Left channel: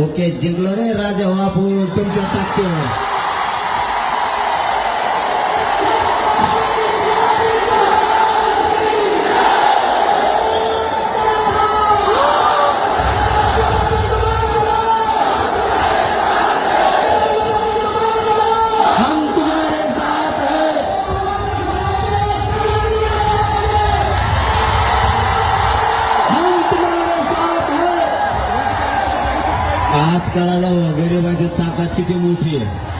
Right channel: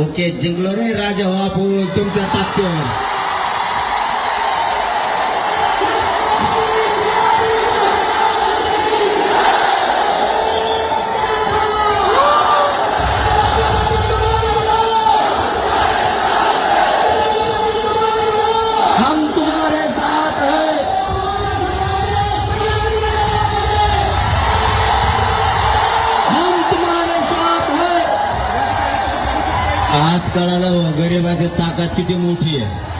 Okay जिंकलो रे राजा बापू तुमच्या ताकदीवर. हम तुम्हारे साथ हैं. हम तुम्हारे साथ हैं. आज कळालं गरिबाची ताकद किती मोठी आहे.